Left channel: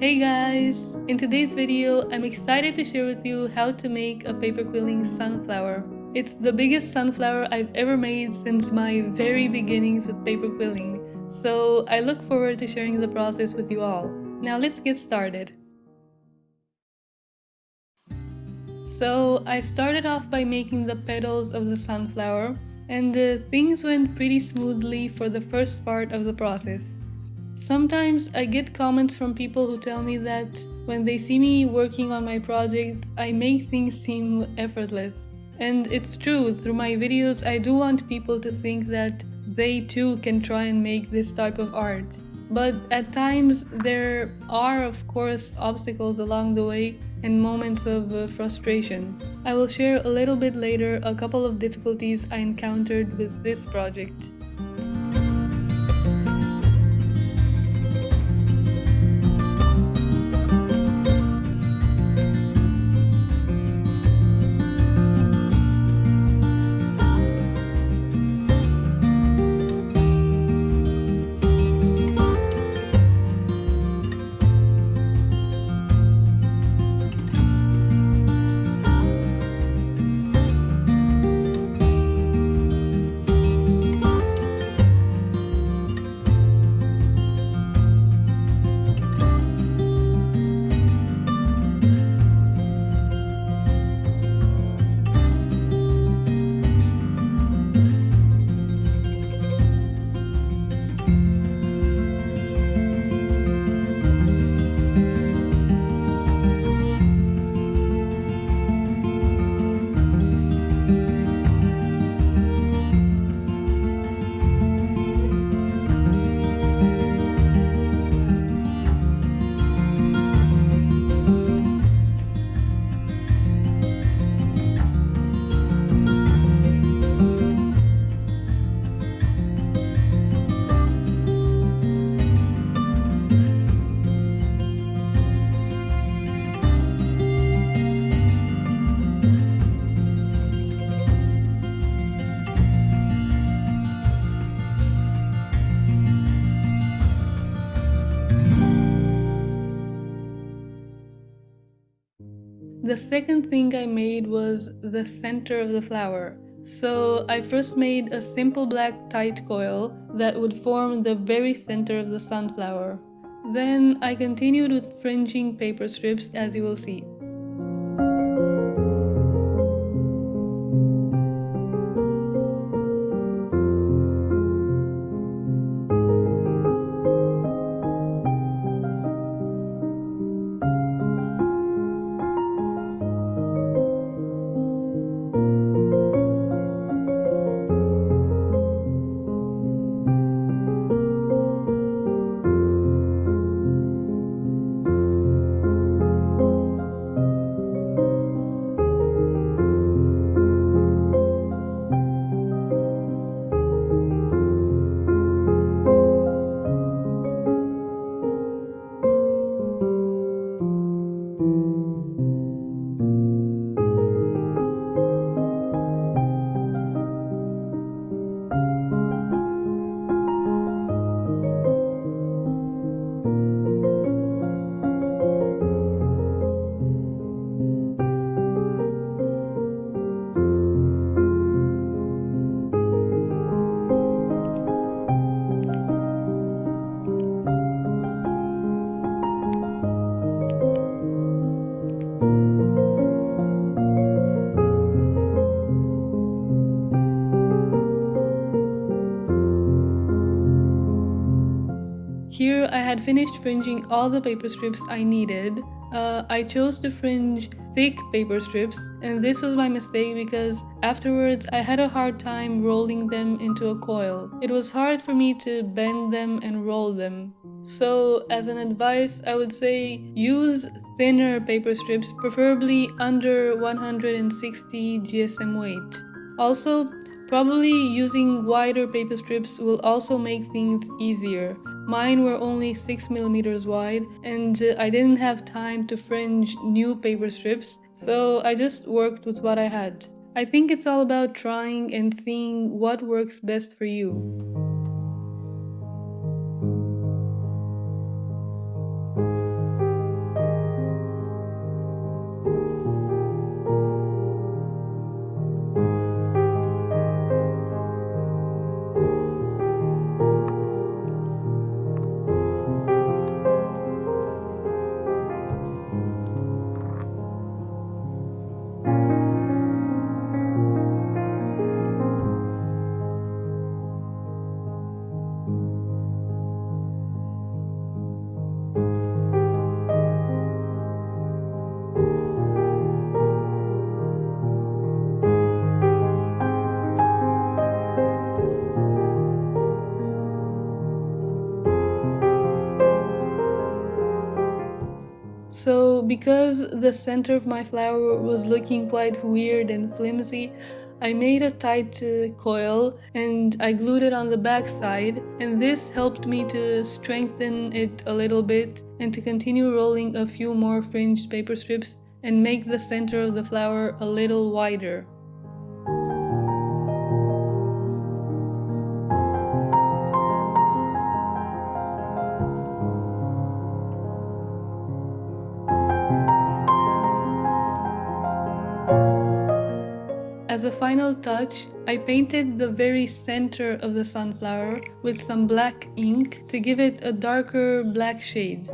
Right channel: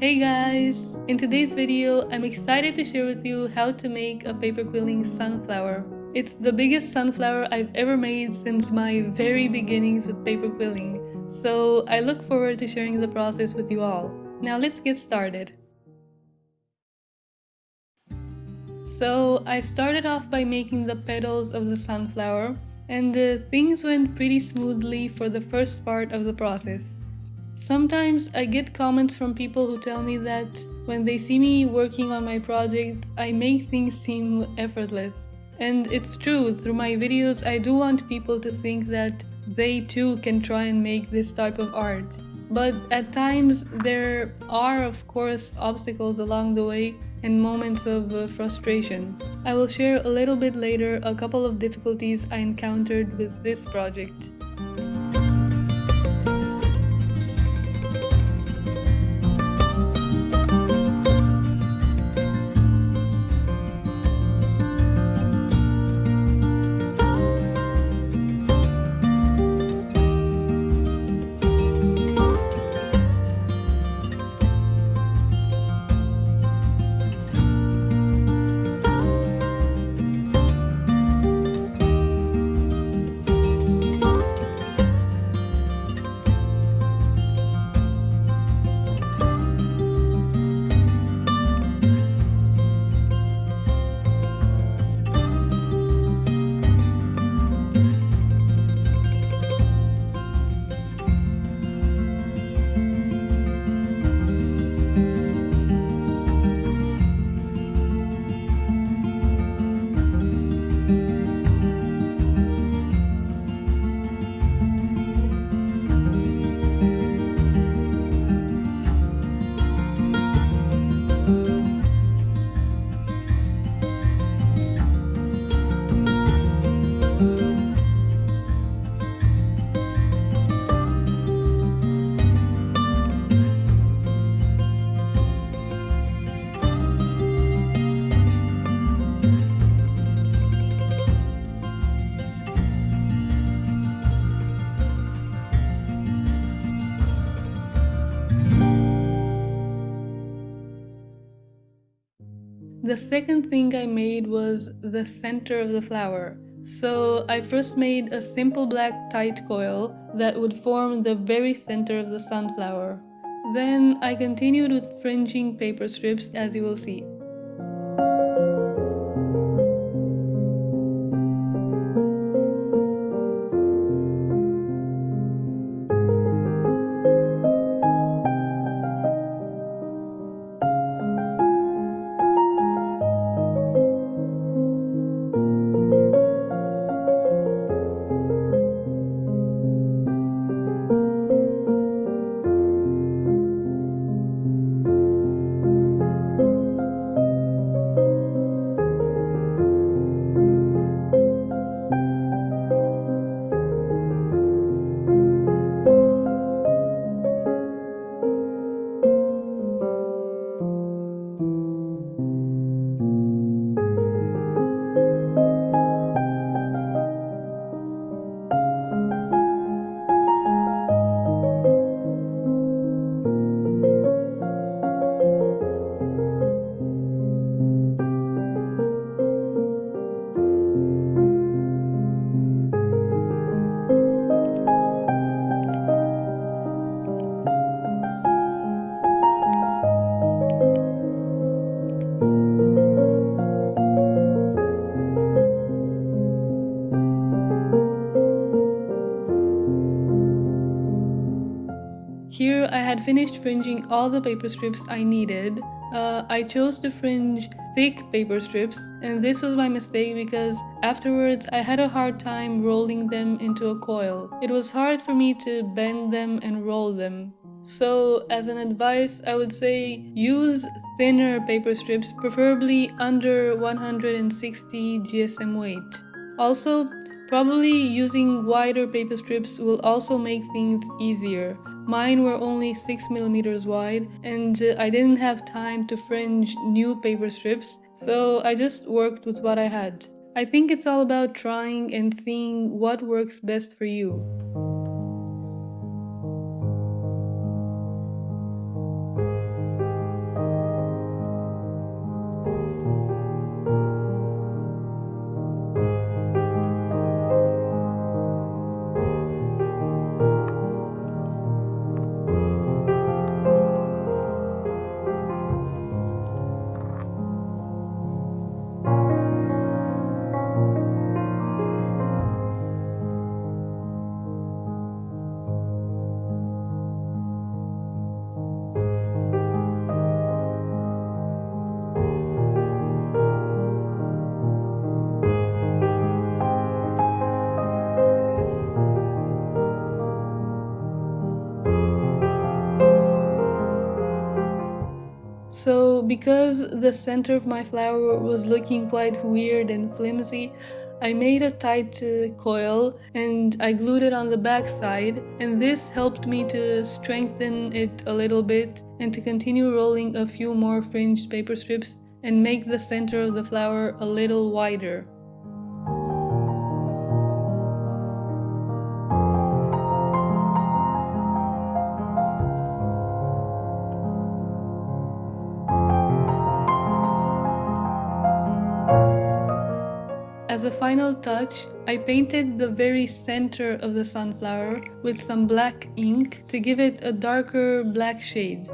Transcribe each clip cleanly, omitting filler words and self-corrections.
Hey guys! In today's video, I'm excited to share with you how to make a paper quilling sunflower. It's the biggest sunflower I've ever made since my very beginnings with paper quilling, so I look forward to sharing the process with you all. Now let's get started. So I started off by making the petals of the sunflower, and things went pretty smoothly for the first part of the process. Sometimes I get comments from people who tell me that when they see me working on my projects, I make things seem effortless. And it's true, through my videos I do want people to think that they too can try and make this type of art. But at times there are of course obstacles along the way and moments of frustration. I will share a little bit later a couple of difficulties I encountered with this project. The second thing I made was the center of the flower. So I first made a simple black tight coil that would form the very center of the sunflower. Then I continued with fringing paper strips, as you will see. Here I had finished fringing all the paper strips I needed. I chose to fringe thick paper strips, and this was my mistake because afterwards I had a hard time rolling them into a coil. It was hard for me to bend them and roll them. So as an advice, I would say use thinner paper strips, preferably under 160 GSM weight. Also, probably using wider paper strips will also make things easier. Mine were only 6mm wide, and I didn't have time to fringe new paper strips, so I just worked with what I had. I think it's all about trying and seeing what works best for you. So, because the center of my flower was looking quite weird and flimsy, I made a tight coil and I glued it on the back side, and this helped me to strengthen it a little bit and to continue rolling a few more fringed paper strips and make the center of the flower a little wider. As a final touch, I painted the very center of the sunflower with some black ink to give it a darker black shade.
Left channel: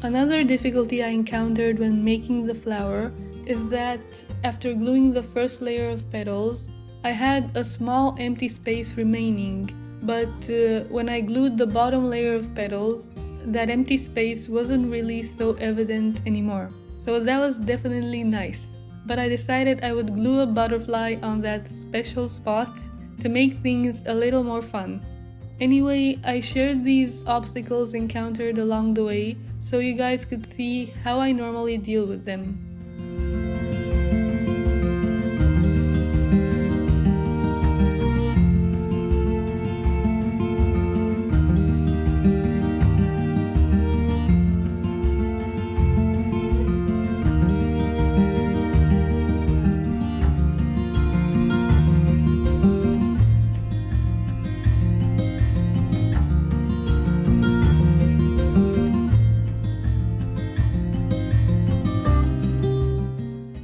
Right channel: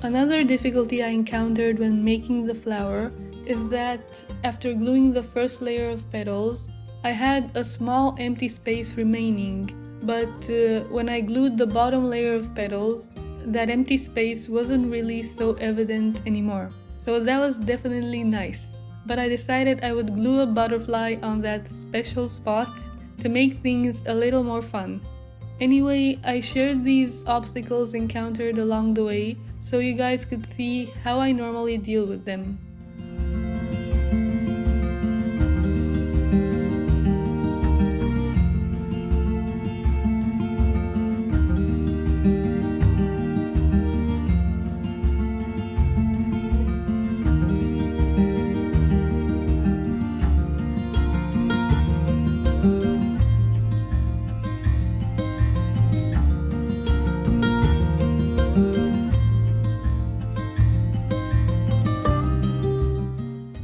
Another difficulty I encountered when making the flower is that after gluing the first layer of petals, I had a small empty space remaining, but when I glued the bottom layer of petals, that empty space wasn't really so evident anymore. So that was definitely nice. But I decided I would glue a butterfly on that special spot to make things a little more fun. Anyway, I shared these obstacles encountered along the way so you guys could see how I normally deal with them.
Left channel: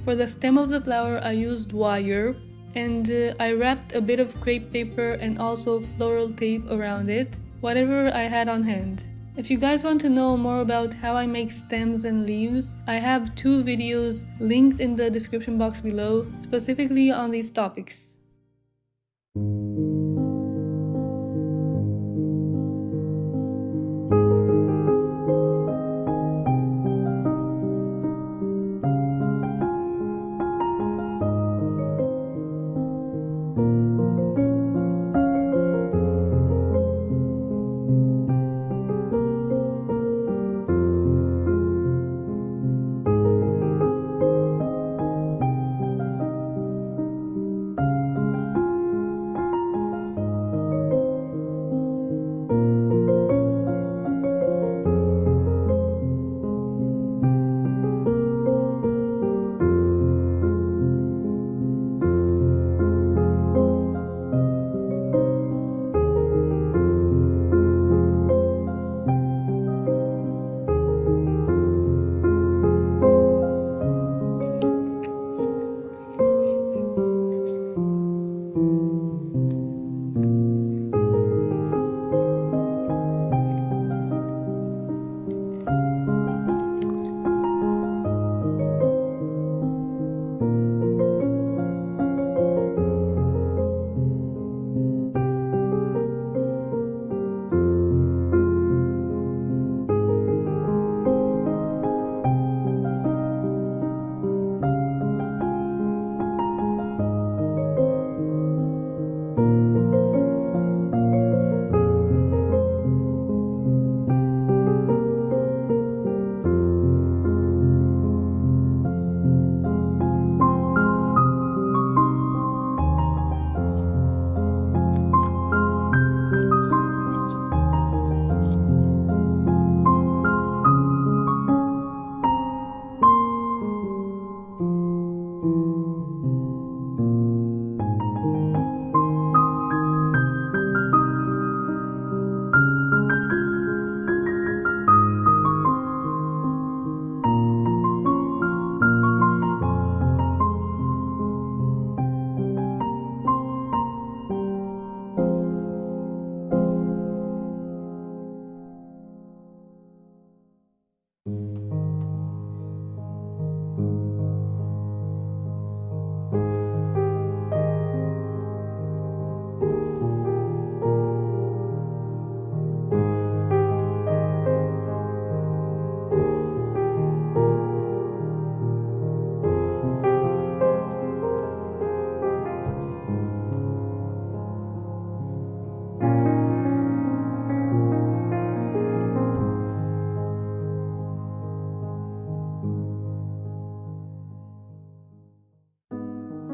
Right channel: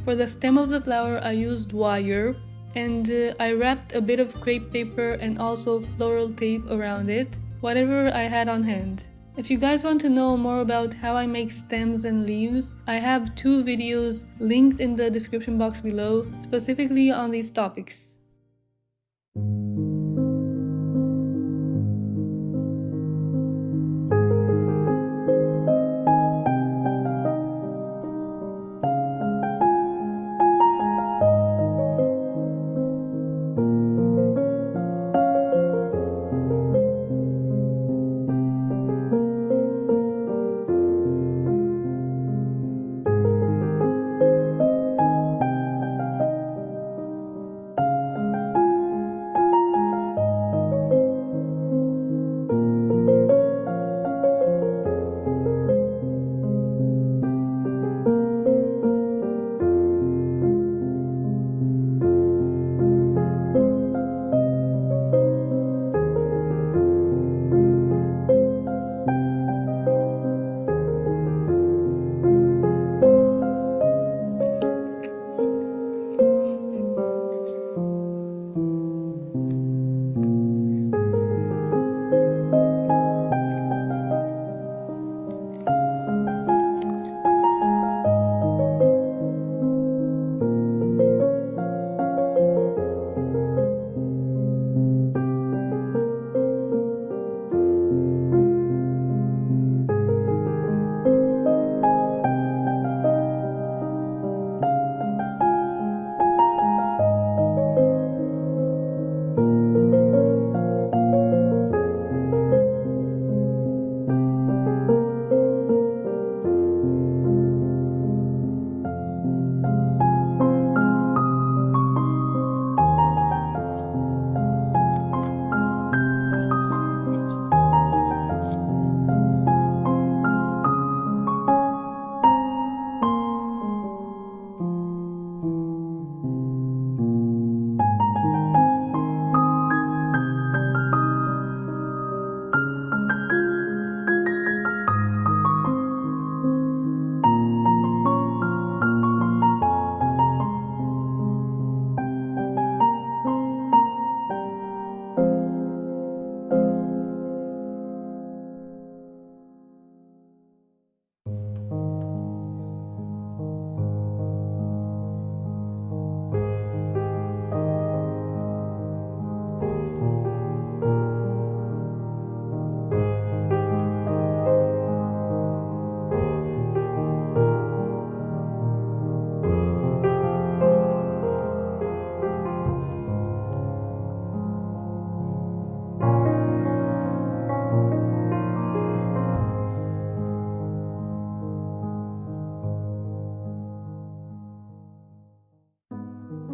For the stem of the flower, I used wire and I wrapped a bit of crepe paper and also floral tape around it, whatever I had on hand. If you guys want to know more about how I make stems and leaves, I have 2 videos linked in the description box below, specifically on these topics.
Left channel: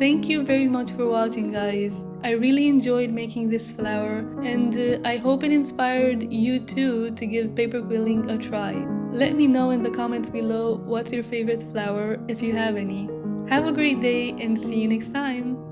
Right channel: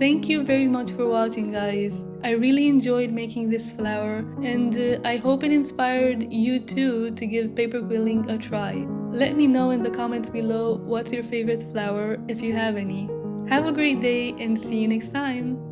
Thank you very much for watching, guys. I really enjoyed making this flower, and I hope it inspired you too to give paper quilling a try. Let me know in the comments below what's your favorite flower if you have any. Have a great day and see you next time!